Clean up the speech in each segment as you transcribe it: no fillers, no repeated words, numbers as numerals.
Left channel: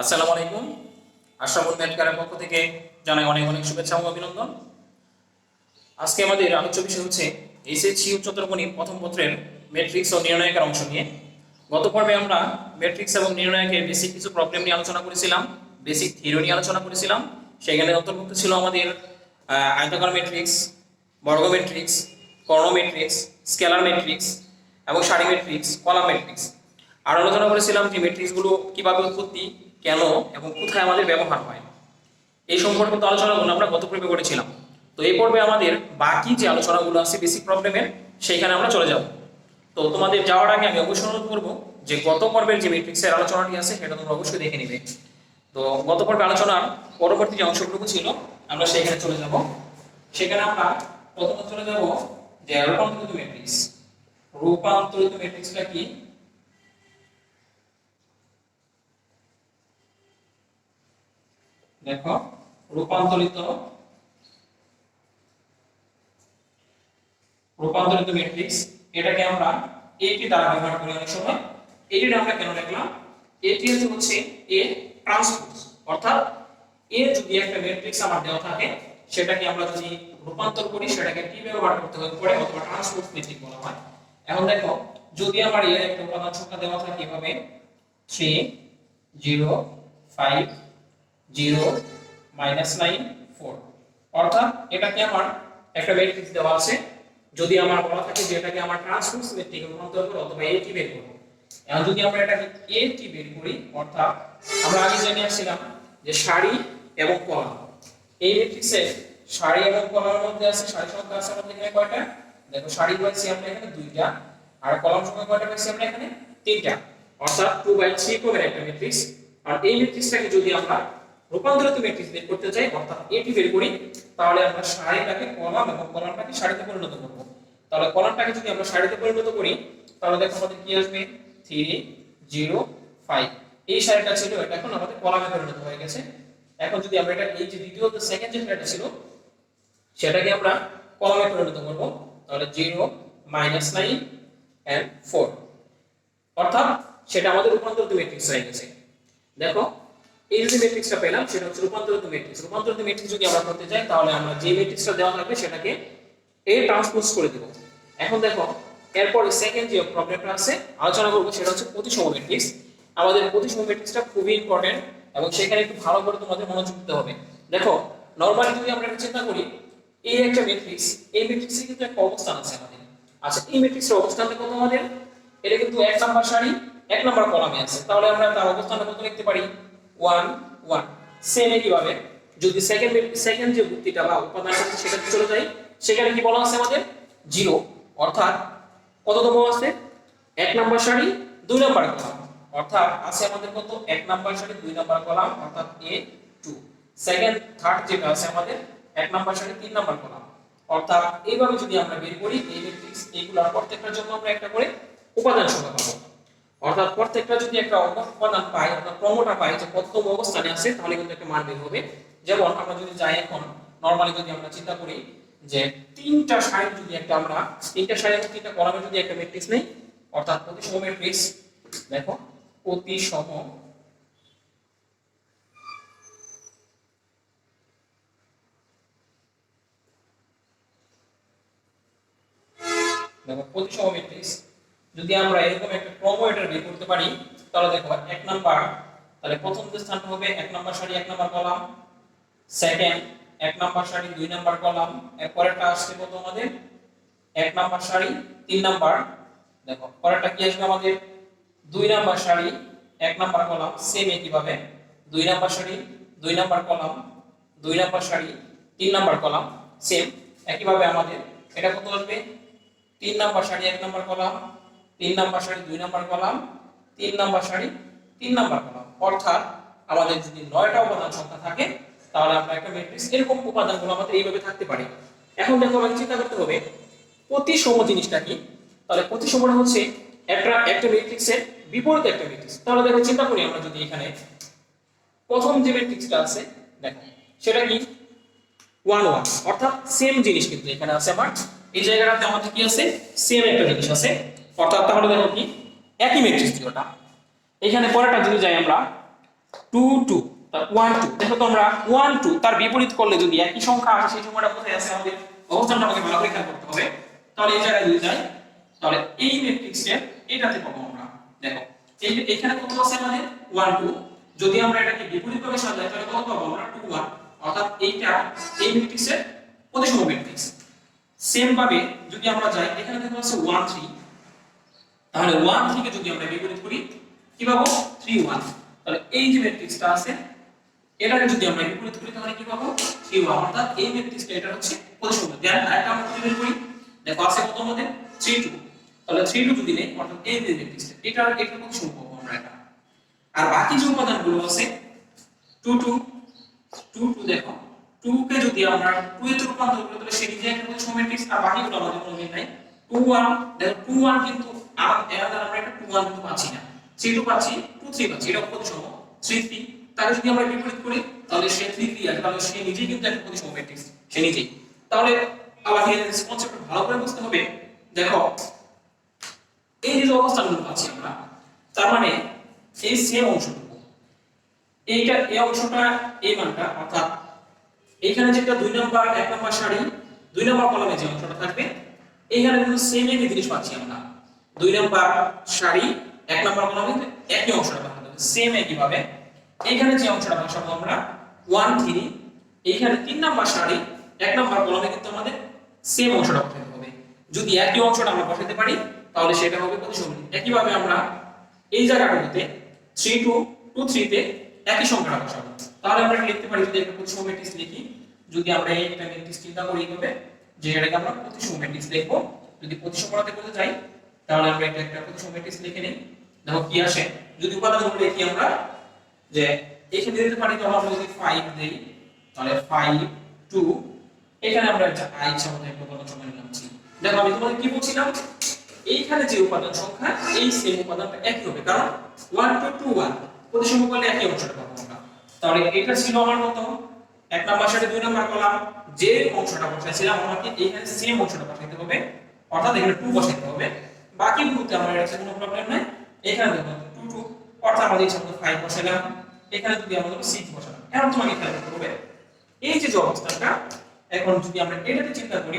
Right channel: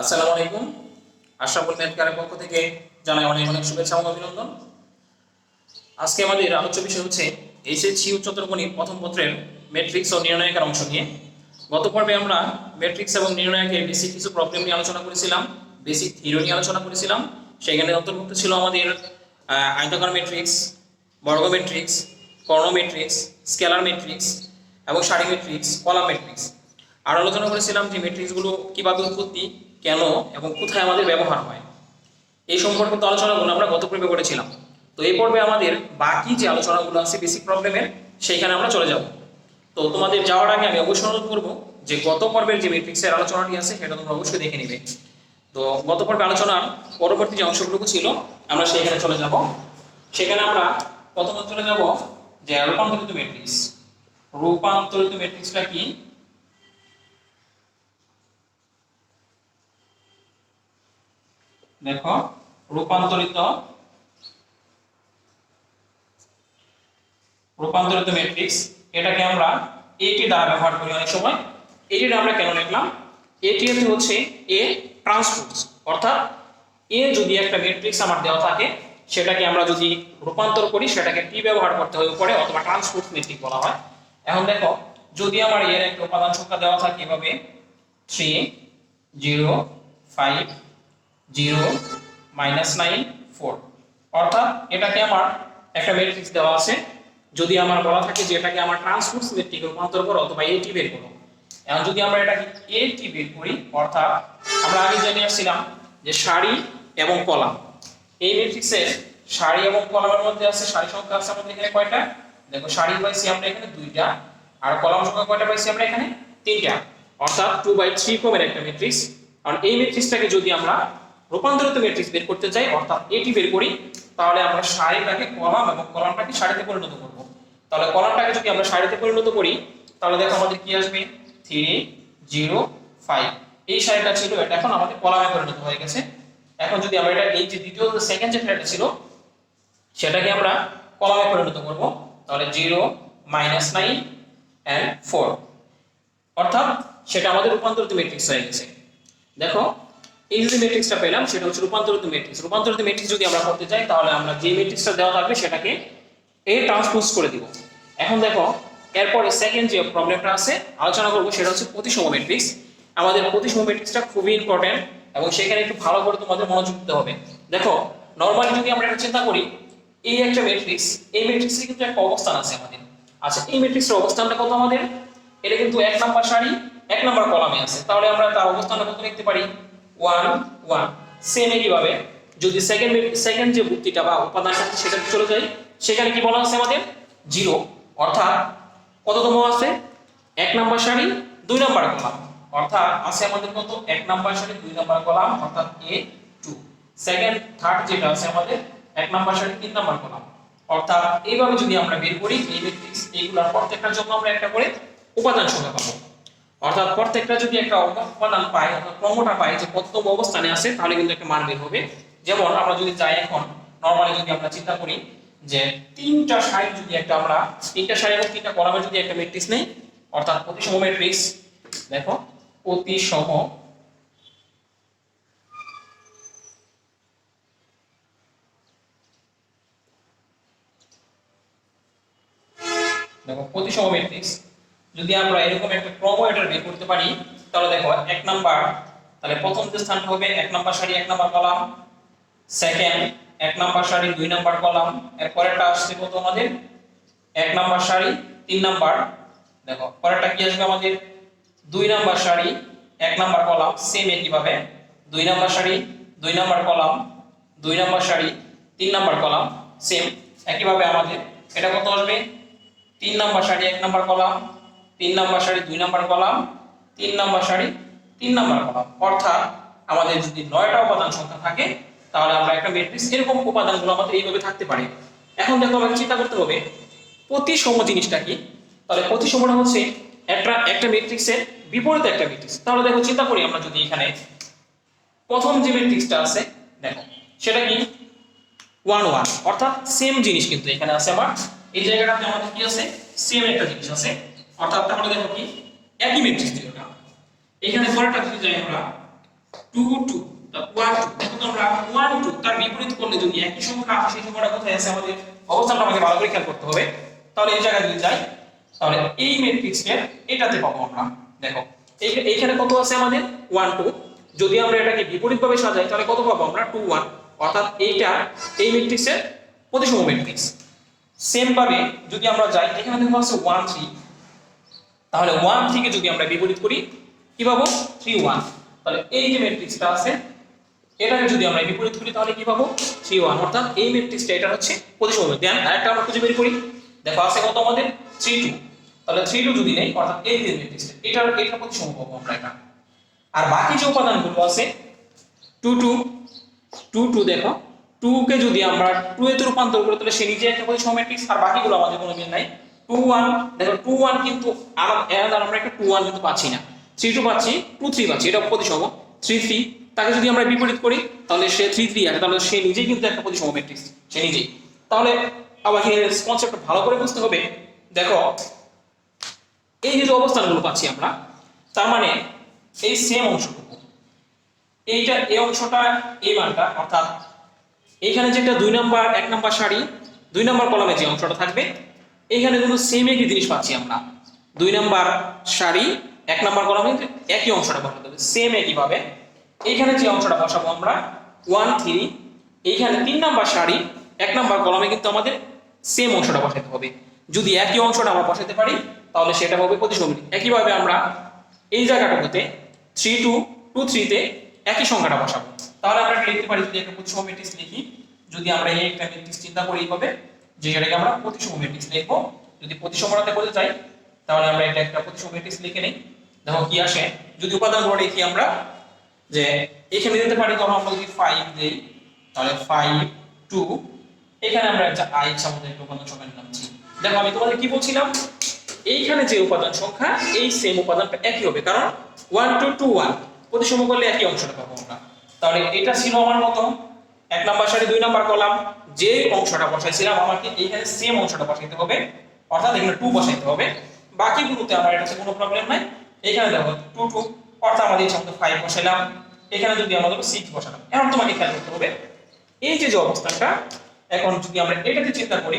আসসালামু আলাইকুম। আশরাফুল ম্যাথকারের পক্ষ থেকে জানাই অনেক অনেক শুভেচ্ছা এবং অভিনন্দন। আজকে আমাদের আলোচ্য বিষয় হচ্ছে এইচএসসি উচ্চতর গণিত প্রথম পত্রের ম্যাট্রিক্স ও নির্ণায়কের অংশ নিয়ে। গত পর্বে আমরা ম্যাট্রিক্স এবং নির্ণায়কের বেসিক কিছু প্রবলেম নিয়ে আলোচনা করেছিলাম, বেসিক থিওরি নিয়ে আলোচনা করেছিলাম। সেখানে অন্তর্ভুক্ত ছিল আমাদের আয়তাকার ম্যাট্রিক্স, বর্গ ম্যাট্রিক্স, কর্ণ ম্যাট্রিক্স, স্কেলার ম্যাট্রিক্স এবং সারি ম্যাট্রিক্স, কলাম ম্যাট্রিক্স। আর আলোচনা করেছিলাম যে ম্যাট্রিক্সগুলো কিভাবে উৎপত্তি, কেন এবং কোথায় আমাদের ব্যবহার হয়, এই সম্পর্কিত আলোচনাগুলো আমরা গত পর্বে করেছিলাম। তো এই পর্বে আমাদের বাকি যে আলোচনাগুলো আছে বেসিক প্রবলেমের, সেইখানে আমরা চলে যাব। তো তোমাদের যাওয়ার আগে আমি অবশ্যই অনুরোধ করবো যে গত পর্বের যে ম্যাট্রিক্সের আলোচনাটি আছে সেটা তোমরা অবশ্যই দেখে নিবে। তো গত পর্বে আলোচনার পরবর্তী যে অংশগুলো ছিল আমরা সেখানে চলে যাব। সেখানে আমরা প্রথমে চলে যাব যে রূপান্তরিত ম্যাট্রিক্স। রূপান্তরিত ম্যাট্রিক্সটা কি? দেখো, রূপান্তরিত ম্যাট্রিক্স, এটাকে আমরা এটি দ্বারা ব্যবহার করি অনেক সময়। এটি আমরা কেন লিখলাম? এটি হচ্ছে এ ট্রান্সপোজ, অর্থাৎ এ যদি একটা ম্যাট্রিক্স আমার দেওয়া থাকে সেটাকে আমরা যদি রূপান্তর করি সেটাকে টি ব্যবহার করতে হয় উপরে, অথবা ট্রান্সপোজ ম্যাট্রিক্স বলা হয়। এখন দেখো, যদি আমার এর একটা উপাদান সংখ্যা দেওয়া থাকে এভাবে 3 0 5 0 -9 4, অর্থাৎ এটাকে আমার একটা ম্যাট্রিক্স দেওয়া আছে। যদি আমার বলা থাকে যে এটাকে আমার ট্রান্সপোজ ম্যাট্রিক্সে রূপান্তর করো অথবা এটি বের করো। এখন যদি আমরা এটাকে এটি বের করি, অর্থাৎ আমরা আগে জেনে আসছিলাম যে সারি এবং কলাম, এই ম্যাট্রিক্সের সারি এবং কলামের মধ্যে আছে, সারি সংখ্যা আছে আমাদের এখানে কয়টা? দেখো, সারি পাইছি আমরা এখানে 2টা, আর কলাম সংখ্যা কয়টা পাইছি আমরা এখানে? 3টা, অর্থাৎ 2/3 ক্রমের একটা ম্যাট্রিক্স। আর এই ম্যাট্রিক্সটাকে যদি আমরা রূপান্তরিত ম্যাট্রিক্স বের করতে চাই, অর্থাৎ এটি বের করি, তাহলে আমরা সারিটাকে কলাম এবং কলামটাকে সারিতে পরিণত করব। তাহলে কলামটাকে যদি আমরা সারিতে পরিণত করি, তাহলে দেখো আমাদের কি আসবে? 3 0 5, এই সারিটা ছিল, এটা এখন আমাদের কলামে পরিণত হয়ে গেছে। এখন যদি আমরা এটা এই যে দ্বিতীয় সেকেন্ড যে সারিটা ছিল সেটাকে আমরা কলামে পরিণত করব, তাহলে 0 -9 and 4, অর্থাৎ সেটা আমাদের রূপান্তরিত ম্যাট্রিক্স হয়ে গেছে। দেখো, এই যে ম্যাট্রিক্সটা পেলাম সেটা হচ্ছে রূপান্তরিত ম্যাট্রিক্স। রূপান্তরিত ম্যাট্রিক্স যদি আমরা করতে চাই তাহলে আমরা যে ম্যাট্রিক্সটা দেওয়া থাকবে সেটাকে এ ট্রান্সপোজ করে দিব। এখন দেখো, এরপর সেকেন্ড যে প্রবলেমটা আছে আলোচনা করব সেটা হচ্ছে প্রতিসম ম্যাট্রিক্স। আমাদের প্রতিসম ম্যাট্রিক্সটা খুবই ইম্পর্টেন্ট এবং সেখানে একটু ভালো করে তোমাদের মনোযোগ দিতে হবে। দেখো, নরমালি যদি আমরা এটা চিন্তা করি, এই একটা ম্যাট্রিক্স, এই ম্যাট্রিক্সে কিন্তু একটা অবস্থান আছে আমাদের। আচ্ছা, এই ম্যাট্রিক্সের অবস্থানটা কত আমাদের? এটা কিন্তু 1 নাম্বার সারি 1 নাম্বার কলামে আছে, তাহলে আমরা তার অবস্থানটা কত লিখতে পারি? 1 1। সেম একইভাবে যদি সেকেন্ড যে ভুক্তিটা বা উপাদানটা সেটা চলে যাই, সেখানে কি বলা আছে আমাদের? 0, অর্থাৎ কততম আছে? 1 নাম্বার সারি 2 নাম্বার কলাম, অর্থাৎ আছে আমাদের কত? 1 নাম্বার সারি 2 নাম্বার কলাম, অর্থাৎ A2। সেকেন্ড থার্ড যেটা আছে আমাদের 1 নাম্বার সারি 3 নাম্বার কলাম, অর্থাৎ এইভাবে যদি আমরা বের করি এই ম্যাট্রিক্স, এইগুলোর প্রত্যেকটার জন্য আমরা একটা করে উপাদান সংখ্যা পাবো। অর্থাৎ প্রত্যেকটা যদি একটা উপাদান পাই, অর্থাৎ ক্রমটা পাই যে কততম অবস্থানে আছে, তাহলে কিন্তু একটা মান বের হবে। যেমন আমরা যদি যাই এখন নরমালি যদি আমরা চিন্তা করি যে 3টা সারি যদি একটা আমরা 3টা সারি এবং 3টা কলামের যদি একটা ম্যাট্রিক্স নেই, অর্থাৎ প্রতিসম ম্যাট্রিক্স। দেখো, প্রতিসম, দেখো প্রতিসম ম্যাট্রিক্স যদি আমরা এরকম একটা ক্রম এটা বের করতে পারি, তাহলে দেখো 1 নাম্বার, তাহলে প্রথম যে স্থানটা হবে 1 নাম্বার সারি 1 নাম্বার কলাম, সেকেন্ড 1 নাম্বার সারি 2 নাম্বার কলাম, এর পরেরটা আসছে কত আমাদের? 1 নাম্বার সারি 3 নাম্বার। দেখো পরেরটা কি আসবে আমাদের? 2 নাম্বার সারি 1 নাম্বার কলাম, সেম একইভাবে 2 নাম্বার সারি 2 নাম্বার কলাম, 2 নাম্বার সারি 3 নাম্বার কলাম, সেম একইভাবে আমাদের এটা কত আসবে? 3 নাম্বার সারি 1 নাম্বার কলাম, 3 নাম্বার সারি 2 নাম্বার কলাম, 3 নাম্বার সারি 3 নাম্বার কলাম, অর্থাৎ আমাদের যদি 9টা উপাদান সংখ্যা থাকে তাহলে আমরা একটা ম্যাট্রিক্স এরকম উপাদানগুলো আমাদের এইভাবে থাকতে পারে। এখন দেখো, আমাকে চিন্তা করতে হবে প্রতিসম জিনিসটা কি। তাহলে প্রতিসমটা হচ্ছে একটা ম্যাট্রিক্সের বিপরীত একটা ম্যাট্রিক্স। তাহলে দেখো, চিন্তা করি আমরা যদি এখানে প্রথম যে ম্যাট্রিক্সটা আছে, দেখো সেটা কি? 1 1, অর্থাৎ সেম জিনিস কিন্তু এখানে আছে আমার এই জায়গাটাতে আমাদের কি আছে? সেম একটা জিনিস আছে, অর্থাৎ তাহলে দেখো কি একই ম্যাট্রিক্স দুটোটা। এখানে পরেরটা যদি যাই আমরা 2 2 তার 1 2 দেখো তোমরা 1 2 তার বিপরীত করলে যদি একই সংখ্যা আসে সেই সংখ্যাটা কোথায় আছে আমাদের অবস্থানটা আমাকে ভালো করে খেয়াল করতে হবে। তাহলে এই জায়গায় যদি যাই তাহলে এই ম্যাট্রিক্সের এটাতে পাবো আমরা। দেখো এইখানে কত আছে আমাদের 1 2, যদি আমরা এটাকে বিপরীতভাবে সাজাই তাহলে কত পাবো আমরা 2 1, অর্থাৎ এইটা এই ম্যাট্রিক্সের প্রতিসম ম্যাট্রিক্স। সেম ভাবে যদি আমরা যাই এখানে দেখো আছে 1 3, তাহলে 1 থেকে যদি আমরা বিপরীত করি কি পাবো 3 1, তাহলে এই যে ম্যাট্রিক্সটা আছে এটাকে যদি আমরা বিপরীত করি তাহলে কি পাবো 3 1, অর্থাৎ এই ম্যাট্রিক্সটা এটা হচ্ছে প্রতিসম। দেন আরেকটা আমরা খুঁজে বের করি, দেখো আছে কত আমাদের 3 2, তাহলে 3 2 যদি নেই অর্থাৎ এই যে ম্যাট্রিক্সটা এটা প্রতিসম পাবো আমরা এটা। আর বাকি যে উপাদানগুলো আছে 2 2 2 2, দেখো 2 কে যদি আমরা 2 এতে রূপান্তর করি তাহলে সে নিজে একটা প্রতিসম ম্যাট্রিক্স, আর বাকিগুলো আমাদের কোনো মিল নাই। 2 1, দেখো 2 1 কিন্তু আমরা একটা 2 1 কিন্তু পাচ্ছি না, 3 2 পাচ্ছি, 2 3 পাচ্ছি, এটা প্রতিসম। 3 3 তাকে যদি আমরা বিপরীত করি তাহলে সে 3 3 আছে, তাহলে সে নিজেই কিন্তু একটা প্রতিসম ম্যাট্রিক্স, সে নিজেই। তাহলে আবার এই কনসেপ্টটা ভালো করে বুঝতে হবে। দেখো এই যে অবস্থানগুলো পাচ্ছি আমরা, তার মানে এই সেম অংশটুকু এইটা এই অংশটা এই মানটা, অর্থাৎ এখানে যেটা 2 নাম্বার 1 নাম্বার সারি 2 নাম্বার কলামে যে অংশটা থাকবে এইখানে কিন্তু সেম একই জিনিস পাচ্ছি আমরা। 2 নাম্বার সারি 1 নাম্বার কলামে একই অংশটা বসাতে হবে সেম একই ভাবে। এইখানে যে অংশটা বসাবো আমরা 1 3, এইখানে 3 নাম্বার সারি 1 নাম্বার কলামে কিন্তু আমাদের সেম অংশটা বসাতে হবে। যদি একই অংশটা আমরা বসাতে পারি তাহলে সেটা হবে প্রতিসম। একই ভাবে আমরা এই জায়গাটাতে 3 2 2 3 তে একই সংখ্যাটা বসাবো, তাহলে আমরা লিখতে পারি যদি একটা প্রতিসম ম্যাট্রিক্স লিখি, যদি আমরা এই একটা ম্যাট্রিক্স চিন্তা করি এইভাবে যে এটাকে আমরা প্রতিসম ম্যাট্রিক্স লিখবো। যদি প্রতিসমতাতে বলতে চাই তাহলে আমরা এটা একটা প্রতিসম ম্যাট্রিক্স লিখে নেই। দেখো কি আসে, যদি উপাদানগুলো লিখি আমরা যে এখানে দিতে পারি, তখন আমরা যদি 5 দেই তাহলে 5 2, এখানে আমরা একটা i ইচ্ছা মতো একটা উপাদান সংখ্যা নিলাম 3। দেখো আমি তোমাদের কি বলছিলাম, এইখানে যে উপাদান সংখ্যা এই সেম উপাদানটা একই হবে, কারণ 1 2 2 1 প্রতিসম করলে একই অংশটা পাবো আমরা। তাহলে এটা ছিল আমার মত 1 নাম্বার সারি 2 নাম্বার কলাম, যে অংশটা বসাইছিলাম আমাকে এইখানে সেম অংশটা বসাইতে হবে, অর্থাৎ এখানে 2 বসাইতে হবে। বাকিগুলোতে আমার এটাতে কোনো প্রবলেম নাই। এখানে দেখো 2 2, অর্থাৎ আমাদের এই শব্দ 5 বসাইলাম, এখানে যদি আমরা 6 বসালাম। এখন তোমাকে খেয়াল করতে হবে এই যে অবস্থানটা, এখন যদি আমরা এটাতে চিন্তা করি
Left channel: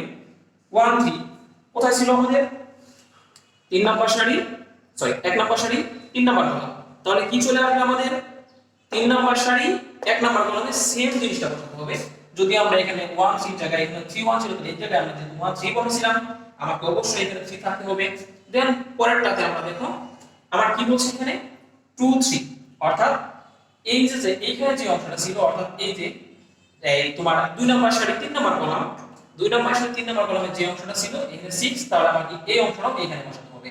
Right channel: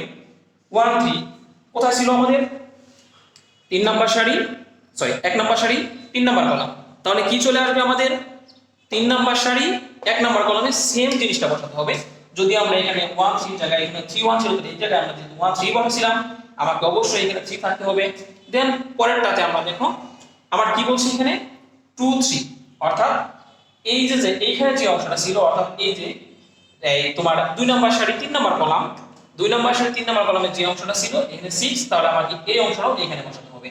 1 3 কোথায় ছিল আমাদের 3 নাম্বার সারি, সরি 1 নাম্বার সারি 3 নাম্বার কলাম, তাহলে কি চলে আসবে আমাদের 3 নাম্বার সারি 1 নাম্বার কলামে সেম জিনিসটা বসাতে হবে। যদি আমরা এখানে 1 3 জায়গায় এখানে 3 1 ছিল, তাহলে এই জায়গায় আমরা যেহেতু 1 3 বসাইছিলাম আমাকে অবশ্যই এখানে 3 থাকতে হবে। দেন পরেরটাতে আমরা দেখো আমার কি বলছি এখানে 2 3, অর্থাৎ এই যে এইখানে যে অংশটা ছিল, অর্থাৎ এই যে এই তোমার 2 নাম্বার সারি 3 নাম্বার কলাম, 2 নাম্বার সারি 3 নাম্বার কলামে যে অংশটা ছিল এখানে 6, তাহলে আমাকে এই অংশটাও এখানে বসাতে হবে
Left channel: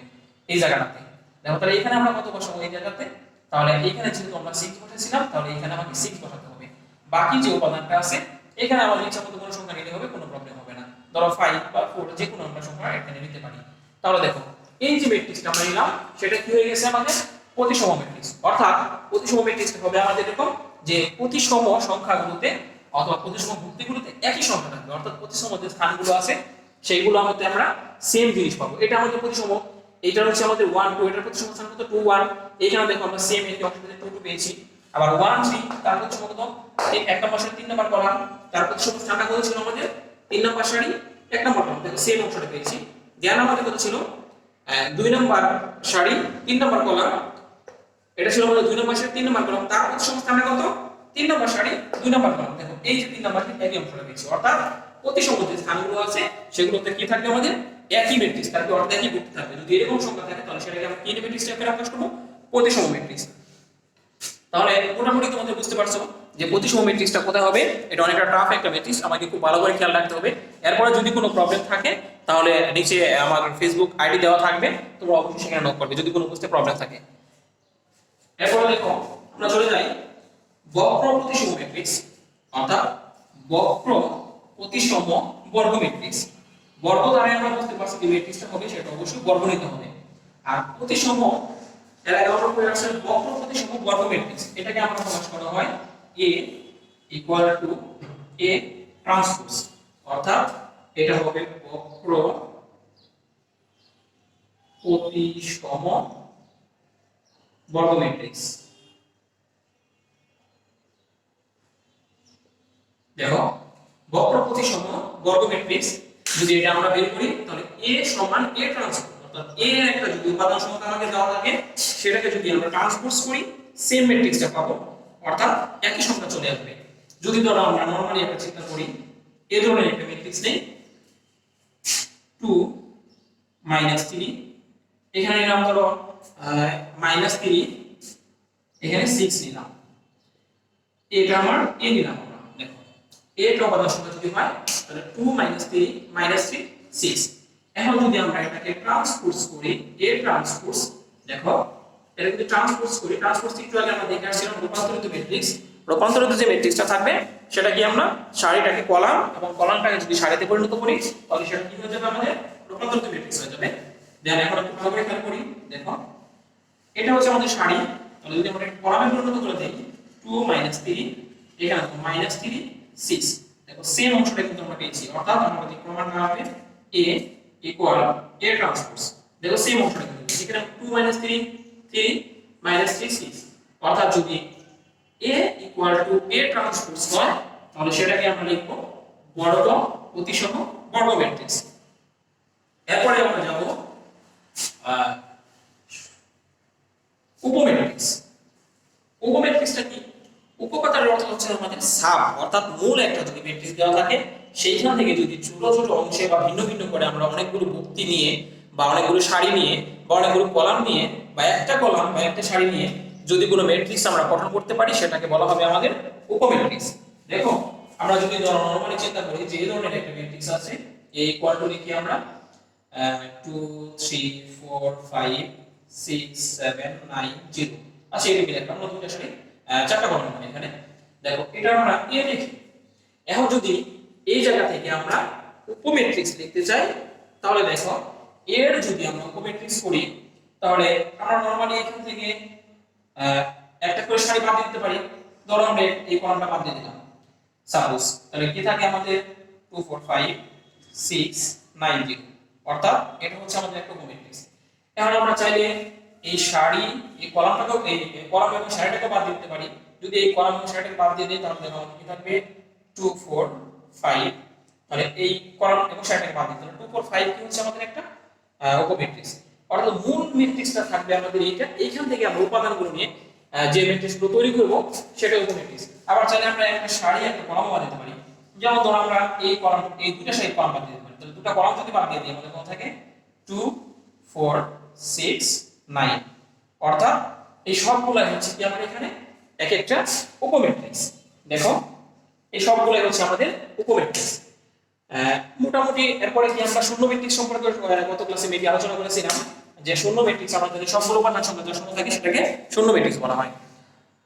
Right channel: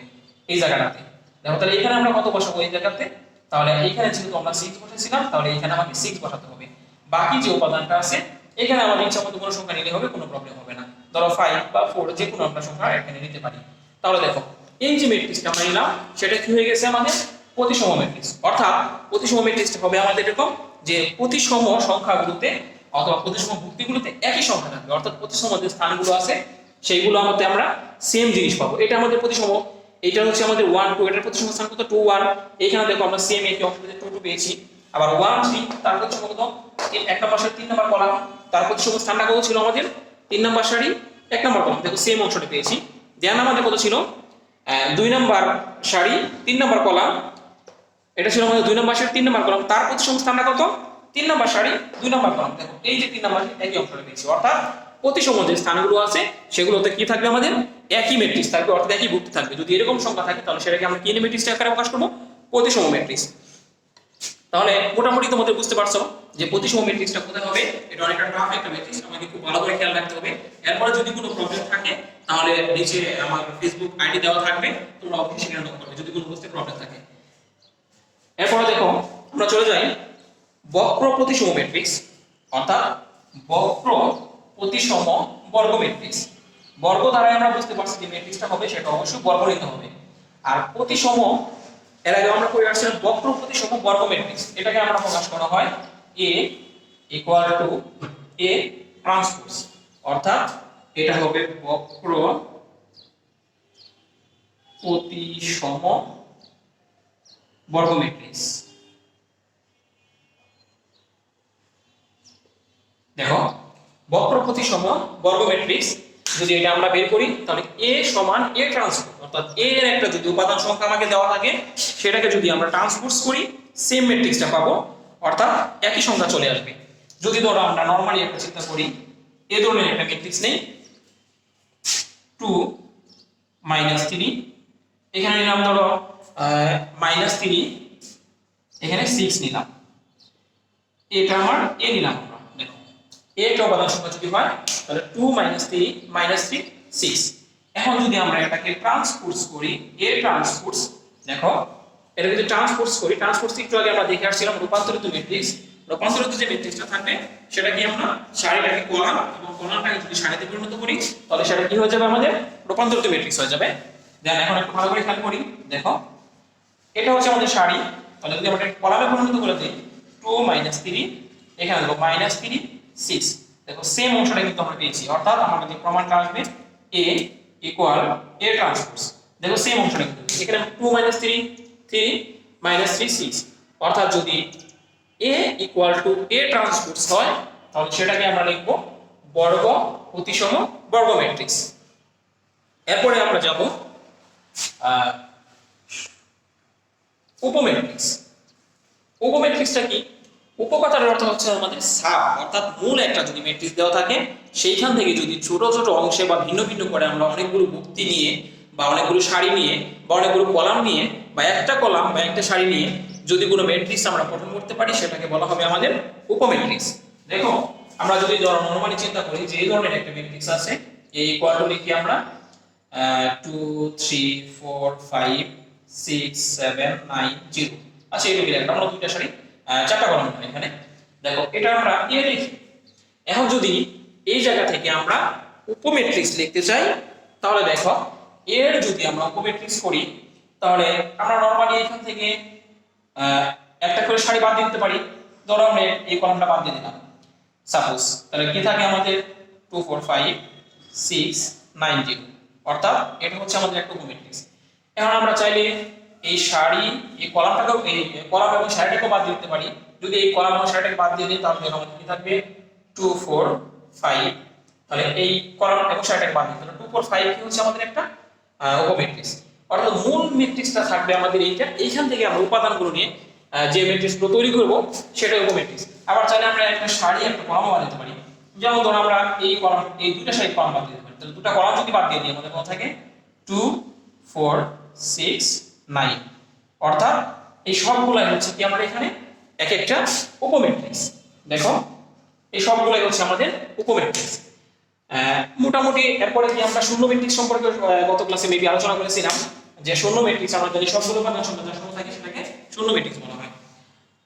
এই জায়গাটাতে। দেখো তাহলে এখানে আমরা কত বসাবো এই জায়গাতে, তাহলে এখানে যেহেতু আমরা 6 বসাইছিলাম তাহলে এখানে আমাকে 6 বসাতে হবে। বাকি যে উপাদানটা আছে এখানে আমাদের ইচ্ছা মতো কোনো সংখ্যা নিলে হবে, কোনো প্রবলেম হবে না। ধরো 5 বা 4 যে কোনো আমরা সংখ্যা এখানে নিতে পারি। তাহলে দেখো এই যে ম্যাট্রিক্সটা আমরা নিলাম সেটা কি হয়ে গেছে আমাদের প্রতিসম ম্যাট্রিক্স। অর্থাৎ প্রতিসম ম্যাট্রিক্সটা হবে আমাদের এরকম যে প্রতিসম সংখ্যাগুলোতে অথবা প্রতিসম ভুক্তিগুলোতে একই সংখ্যা থাকবে, অর্থাৎ প্রতিসম যে স্থানগুলো আছে সেইগুলোর মধ্যে আমরা সেম জিনিস পাবো। এটা আমাদের প্রতিসম, এইটা হচ্ছে আমাদের 1 2, এটার প্রতিসম স্থান কত 2 1, এইখানে দেখো আমরা সেম একই অংশটিতে 2 2 পেয়েছি। আবার 1 3 তার প্রতিসম কত এই 1 নাম্বার সারি 3 নাম্বার কলাম, তার প্রতিসম স্থানটা কত ছিল আমাদের 3 নাম্বার সারি 1 নাম্বার কলাম, দেখো সেম অংশটা পেয়েছি। দেন আমাদের কত ছিল 2 নাম্বার সারি 3 নাম্বার কলাম, এটা ছিল আমাদের 2 নাম্বার সারি 3 নাম্বার কলাম, তার প্রতিসম স্থানটা কত 3 নাম্বার সারি 2 নাম্বার কলাম। দেখো এই যে 3 নাম্বার একই অংশটা পেয়েছি, অর্থাৎ প্রতিসম যে স্থানগুলো আছে সেগুলোতে কি থাকবে আমাদের একই ম্যাট্রিক্স থাকবে, অর্থাৎ একই ভুক্তি থাকবে। যদি এরকম সংখ্যা থাকে তাহলে সেটাকে আমরা কি ম্যাট্রিক্স আকারে প্রকাশ করব, প্রতিসম ম্যাট্রিক্স। তাহলে মোটামুটি তোমাদের বুঝতে পারছো যে প্রতিসম ম্যাট্রিক্সটা কোথায় হবে। এটা অনেকটা টাফ একটা ম্যাট্রিক্স, আমাকে খুব ভালো করে খেয়াল রাখতে হবে। এরপরে যদি কোনো প্রবলেম থাকে তাহলে নিচে আমার ফেসবুক আইডি দেওয়া থাকবে, তোমরা অবশ্যই সেখানে নক করবে যদি কোনো বুঝতে প্রবলেম থাকে। এরপর দেখো আমরা চলে যাই বক্র প্রতিসম ম্যাট্রিক্স, অর্থাৎ বক্র প্রতিসম বর্গ ম্যাট্রিক্স। বর্গ দ্বারা আমরা বুঝতে পারছি যে ম্যাট্রিক্সটা হবে সেটা অবশ্যই বর্গ নিতে হবে। আর প্রতিসম এর আগে আমরা পড়ে আসছিলাম বক্র প্রতিসম বর্গ ম্যাট্রিক্স, এটাকে আমরা প্রকাশ করা হয় A equal to A transpose, অর্থাৎ এটা হবে বক্র প্রতিসম বর্গ ম্যাট্রিক্স। দেখো বক্র প্রতিসম বর্গ ম্যাট্রিক্স যদি এটা আমরা বের করি তাহলে a সমান a ট্রান্সপোজ, অর্থাৎ a এর একটা যদি উপাদান সংখ্যা আমাকে দেওয়া থাকে সেটাকে যদি আমরা ট্রান্সপোজ করি সেম ম্যাট্রিক্সটা পাবো, অর্থাৎ একই সংখ্যা চলে আসবে। যদি ধরো আমরা নরমালি একটা চিন্তা করি, এই ধরনের একটা ম্যাট্রিক্স নেই 2 -3, এখানে নিলাম ধরো -3, এখানে 6 নিলাম, এটা আমার a নিলাম। দেখো a এর উপাদান সংখ্যা যদি হয় তাহলে 2 -3 -3 6। এখন যদি আমরা এটাকে ট্রান্সপোজ করি a ট্রান্সপোজ, দেখো এটা যদি ট্রান্সপোজ করি, ট্রান্সপোজ একটু আগে আমরা দেখে আসছিলাম রূপান্তরিত ম্যাট্রিক্স। রূপান্তরিত যে ম্যাট্রিক্সটা থাকবে সেটা কি আমরা সারিটাকে কলাম এবং কলামটাকে যদি সারিতে পরিণত করি তাহলে সেটা কি হয়ে যাবে, আমাদের রূপান্তরিত ম্যাট্রিক্স হয়ে যাবে। দেন এখন একটু ভালো করে খেয়াল করি, দেখো এটা হচ্ছে আমাদের সারি, তাহলে যদি আমরা কলামে পরিণত করে দিই 2 -3, এখানে দেখো -3 6, দেখো সেম অংশটা কিন্তু আমরা পেয়েছি, অর্থাৎ আমাদের যে প্রমাণটা আসবে a ইকুয়াল a ট্রান্সপোজ, দেখো সেম অংশটা কিন্তু এখানে 2 -3 3 -3 6, অর্থাৎ যদি a equal to a transpose হয় তাহলে সেটাকে আমরা লিখব বর্গ প্রতিসম বর্গ ম্যাট্রিক্স। এরপরে আমরা যাব উপম্যাট্রিক্স। উপম্যাট্রিক্সটা কি? উপকথার অর্থ হচ্ছে আমাদের সাব, অর্থাৎ মূল একটা যদি ম্যাট্রিক্স দেওয়া থাকে সেইখান থেকে যদি ছোট ছোট অংশে বা ভিন্ন ভিন্ন করে আমরা অনেকগুলো যুক্তি নিয়ে বা অনেকগুলো সারি নিয়ে বা অনেকগুলো কলাম নিয়ে বা একটা কলাম বা একটা সারি নিয়ে যদি কোনো ম্যাট্রিক্স আমরা গঠন করতে পারি সেটাকে বলা হবে আমাদের উপম্যাট্রিক্স। দেখো আমরা যদি নরমালি চিন্তা করি যে এই ধরনের একটা ম্যাট্রিক্স আছে, a ইকুয়াল টু লিখি আমরা 2 3 4 5 6 7 9 0, আচ্ছা এটা কি লিখলাম, আমরা দুইটা সারি চারটা কলাম এখানে। দেখো এটা আমরা a লিখি। এখন যদি এই জায়গা থেকে আমরা উপম্যাট্রিক্স লিখতে চাই তাহলে দেখো এর যদি আমরা উপম্যাট্রিক্স করি তাহলে আমরা নরমালি এখান থেকে একটা করে সারি বাদ দিতে পারি। ধরো আমরা এই কলামটা বাদ দিয়ে দিলাম সাপোজ, তাহলে কি থাকে আমাদের 2 4 5 6 9 0, অর্থাৎ এটা হচ্ছে আমাদের একটা উপম্যাট্রিক্স। এখন আমরা চাইলে এই সারি এই কলামটাকেও এই কলাম এবং সারিটাকেও বাদ দিতে পারি। যদি এই কলাম এবং সারিটাকে বাদ দিয়ে দিই তাহলে দেখো আমাদের কি থাকবে 2 4 5, তাহলে এই কলাম এবং সারিটাকে বাদ দিতে, তাহলে 2 4 5 কি হচ্ছে আমাদের একটা উপম্যাট্রিক্স। অর্থাৎ মূল ম্যাট্রিক্সটা থাকবে আমাদের এইটা, এইখান থেকে আমরা উপাদানগুলো নিয়ে যে ম্যাট্রিক্সগুলো তৈরি করব সেটাই উপম্যাট্রিক্স। আবার চাইলে আমরা একটা সারি একটা কলাম বাদ দিতে পারি, যেমন ধরো আমরা এই কলাম এই দুটো সারি কলাম বাদ দিতে পারি, তাহলে দুটো কলাম যদি বাদ দিয়ে দিই আমাদের কত থাকে 2 4 6 9, অর্থাৎ এই সবগুলাই হচ্ছে কি আমরা এখানে এক একটা উপম্যাট্রিক্স। দেখো এই সবগুলাই হচ্ছে আমাদের উপম্যাট্রিক্স। মোটামুটি এরপরে কি আমরা শূন্য ম্যাট্রিক্স সম্পর্কে গত ক্লাসে মেবি আলোচনা করেছিলাম যে শূন্য ম্যাট্রিক্স আমরা যদি সবগুলো উপাদান সংখ্যা শূন্য থাকে সেটাকে শূন্য ম্যাট্রিক্স বলা হয়।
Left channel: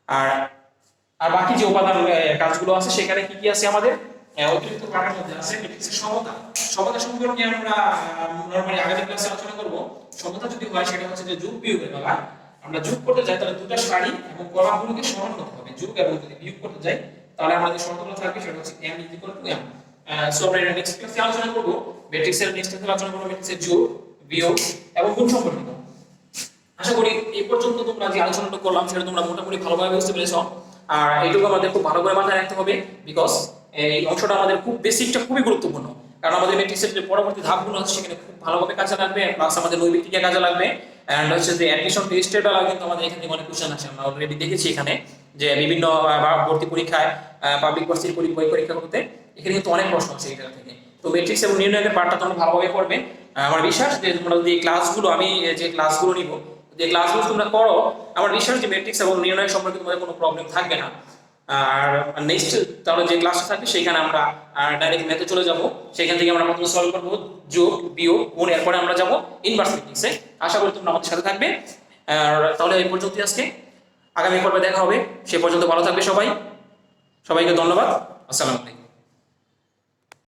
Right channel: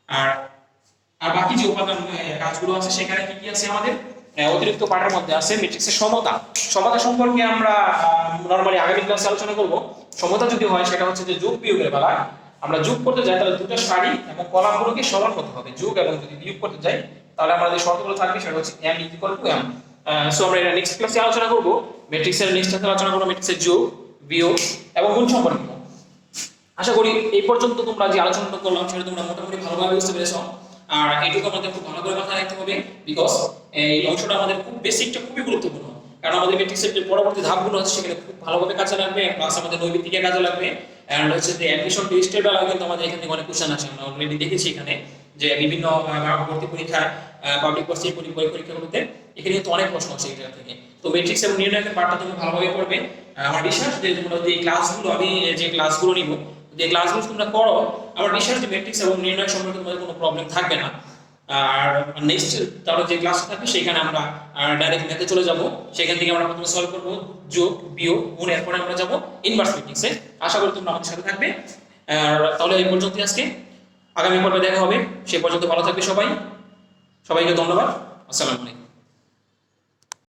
আর আর বাকি যে উপাদান কাজগুলো আছে সেখানে কি কি আছে আমাদের অতিরিক্ত পার্টের মধ্যে আছে ম্যাট্রিক্সের সমতা। সমতা সম্পর্কে আমরা নরমালি আগামী ক্লাসে আলোচনা করব। সমতা যদি হয় সেটা হচ্ছে যে যোগ বিয়োগের বেলা আমরা যোগ করতে যাই তাহলে দুটো সারি এবং কলামগুলোকে সমান হতে হবে, যোগ এবং যদি বিয়োগ করতে যাই তাহলে আমাদের শর্তগুলো থাকবে সেটা হচ্ছে m = m। সো আমরা নেক্সট ক্লাসে আলোচনা করব ম্যাট্রিক্সের নেক্সট ক্লাসে আলোচনা করব ম্যাট্রিক্সের যোগ বিয়োগ এবং গুণ সম্পর্কিত। আশা করি এই পর্যন্ত তোমরা যে আলোচনাটা করলাম সেটা তোমরা মোটামুটি ভালোভাবে বুঝতে পেরেছো। আর এইটুকু আমাদের খুব ভালো করে মাথায় রাখতে হবে, বিকজ এই অংশটা আমাদের খুব বেসিকটা খুবই গুরুত্বপূর্ণ, কারণ আমাদের ম্যাট্রিক্সের যে পরবর্তী ধাপগুলো আছে সেখানে খুব ভালোভাবে কাজে লাগবে, প্লাস আমাদের নৈবিত্তিকে কাজে লাগবে। এন্ড হচ্ছে যে অ্যাডমিশন টেস্টের বেলা কিন্তু আমাদের এখান থেকে অনেক কোশ্চেন আসে, আমরা অলরেডি দেখেছি এখানে যে বিভিন্ন ভর্তি পরীক্ষায় পাবলিক ভার্সিটির পরীক্ষাগুলোতে এখানে কিন্তু অনেক প্রশ্ন আসে এই জায়গা থেকে। তো ম্যাট্রিক্স এবং নির্ণয়ের পার্টটা তোমরা ভালোভাবে পড়বে। আমার বিশ্বাস যে তোমরা যদি এই ক্লাসগুলো আমি যে ক্লাসগুলো নিব যে ক্লাসগুলো তোমরা করো, আমার বিশ্বাস যে ম্যাট্রিক্স এবং নির্ণয় সম্পর্কে তোমাদের কোনো প্রবলেম থাকবে না। আর নেক্সট তাহলে যে ক্লাসটা থাকবে সেখানে আমরা ডাইরেক্ট ম্যাথে চলে যাব, সেখান থেকে আমরা প্রথমে সলভ করব যোগ বিয়োগ গুণ, এরপরে আমরা যাব ইনভার্স ম্যাট্রিক্সে। আশা করি তোমরা আমাদের সাথে থাকবে। আর তাহলে এই পর্যন্তই আজকে, আগামী পর্বে দেখা হবে, সে পর্যন্ত ভালো থাকবে সবাই। সবাইকে ধন্যবাদ, আসসালামু আলাইকুম।